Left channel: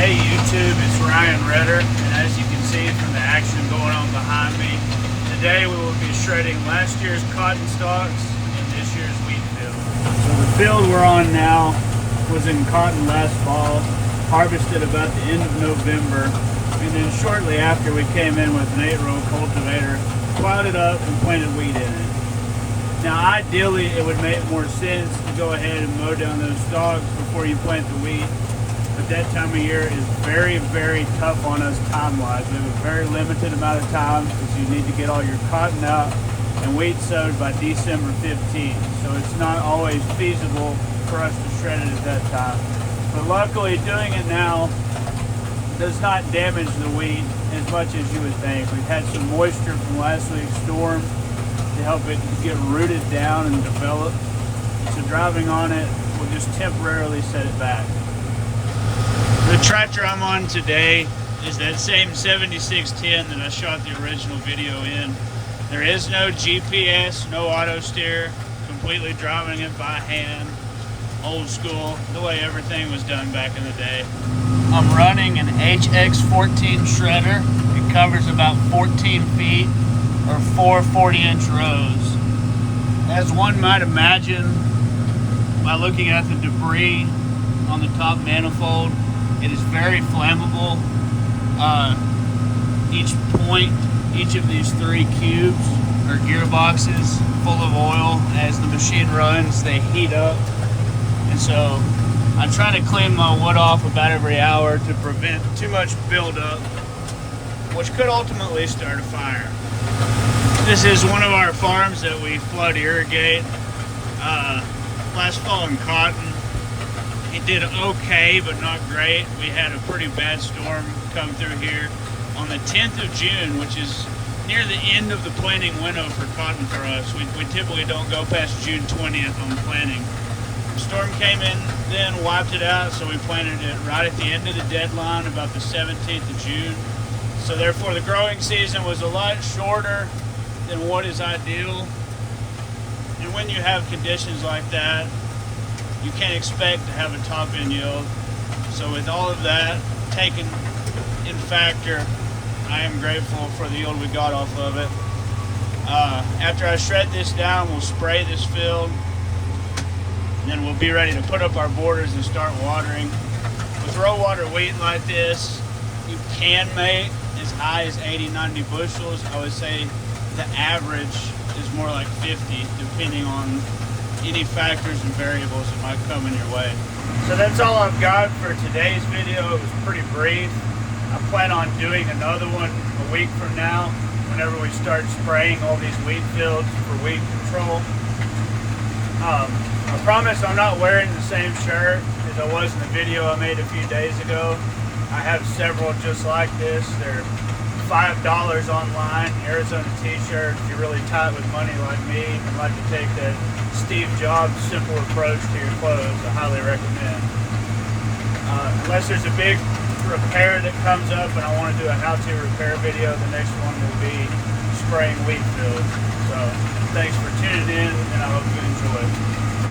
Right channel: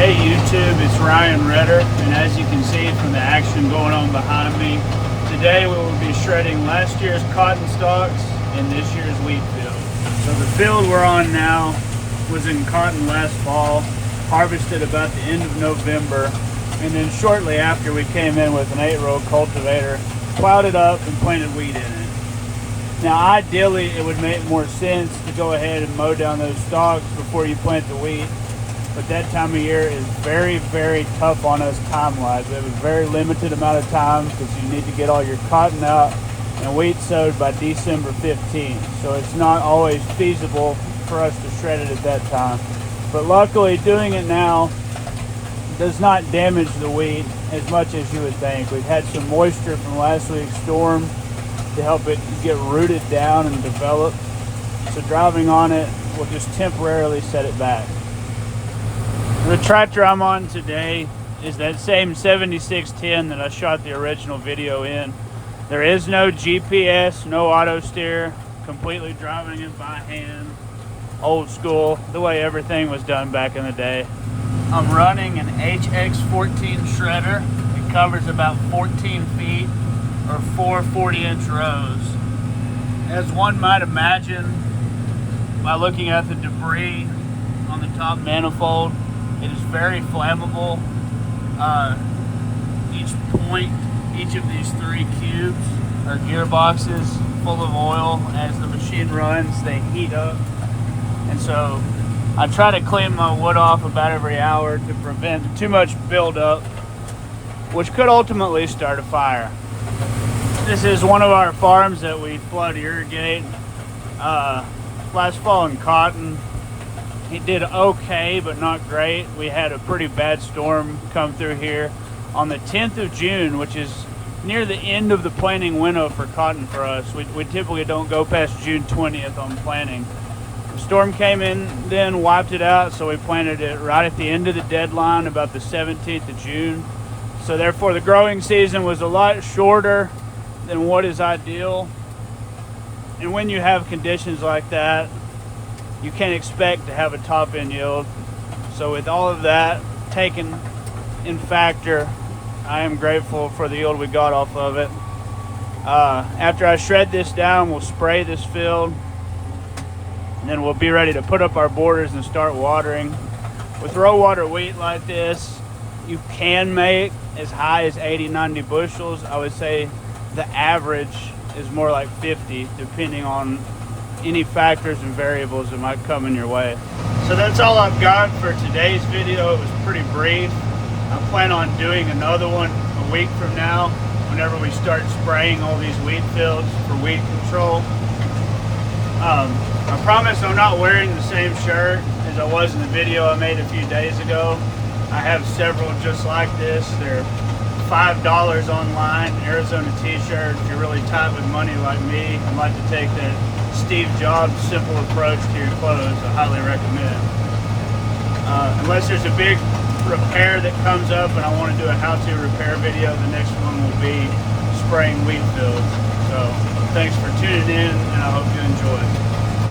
Hey YouTube, it's Ryan Redder, and as you can see from the action going on behind me, today we will be shredding last year's cotton stalks and this year's wheat field. So the field we're on now was in cotton last fall, harvested about the end of November, and then shortly after we came in with an 8-row cultivator, plowed it up and planted wheat in it. Now ideally it would make more sense to go ahead and mow down those stalks before you plant the wheat. But that time of year is very, very tough on us time-wise. We have a very limited amount of time because you need to get all your cotton out and wheat sowed by December 15th. So it's not always feasible for us to shred it at that time. But luckily, doing it now does not damage the wheat as much as you would think. We've had some moisture from last week's storm to help it get rooted down and develop. So driving on it will just temporarily set it back. The tractor I'm on today is that same 7610 that I shot the original video in. There is no GPS, no auto steer, completely driving it by hand, old school, the way everything was done back in the day. I'm running an HX14 shredder. It covers about 14 feet or 4 40-inch rows. As one might imagine, by looking at the debris on the top manifold, it is very flammable. Each of these 3 cubes or gearboxes full of oil. As the machine runs, they heat up. And so I try to clean my wood off about every hour to prevent too much buildup, which could ultimately start a fire. This is one of our farms that we flood irrigate. Last fall in cotton, it did okay, but not great. We had a pretty bad storm come through here on the 10th of June, which is near the end of the planting window for cotton for us. We typically don't go past June 20th on the planting. The storm came in, then wiped it out, so we planted it right at the end of the deadline, about the 17th of June. So therefore the growing season was a lot shorter than what is ideal. And when you have conditions like that, you can't expect to have a top end yield. So with all of that taken in factor, I am grateful for the yield we got off of it. After I shred this down, we'll spray this field, and then we'll be ready to put up our borders and start watering. With row water wheat like this, you can make as high as 80-90 bushels. I would say the average is more like 50, depending on any factors and variables that might come in your way. So that's all I've got for today's video. It was pretty brief. I plan on doing another one a week from now whenever we start spraying all these wheat fields for weed control. I promise I'm not wearing the same shirt as I was in the video I made a few days ago. I have several just like this. They're $5 online, Arizona t-shirt. If you're really tight with money like me and like to take that Steve Jobs simple approach to your clothes, I highly recommend. Unless there's a big repair that comes up and I want to do a how-to repair video, the next one will be spraying wheat fields. So thanks for tuning in, and I hope you enjoy.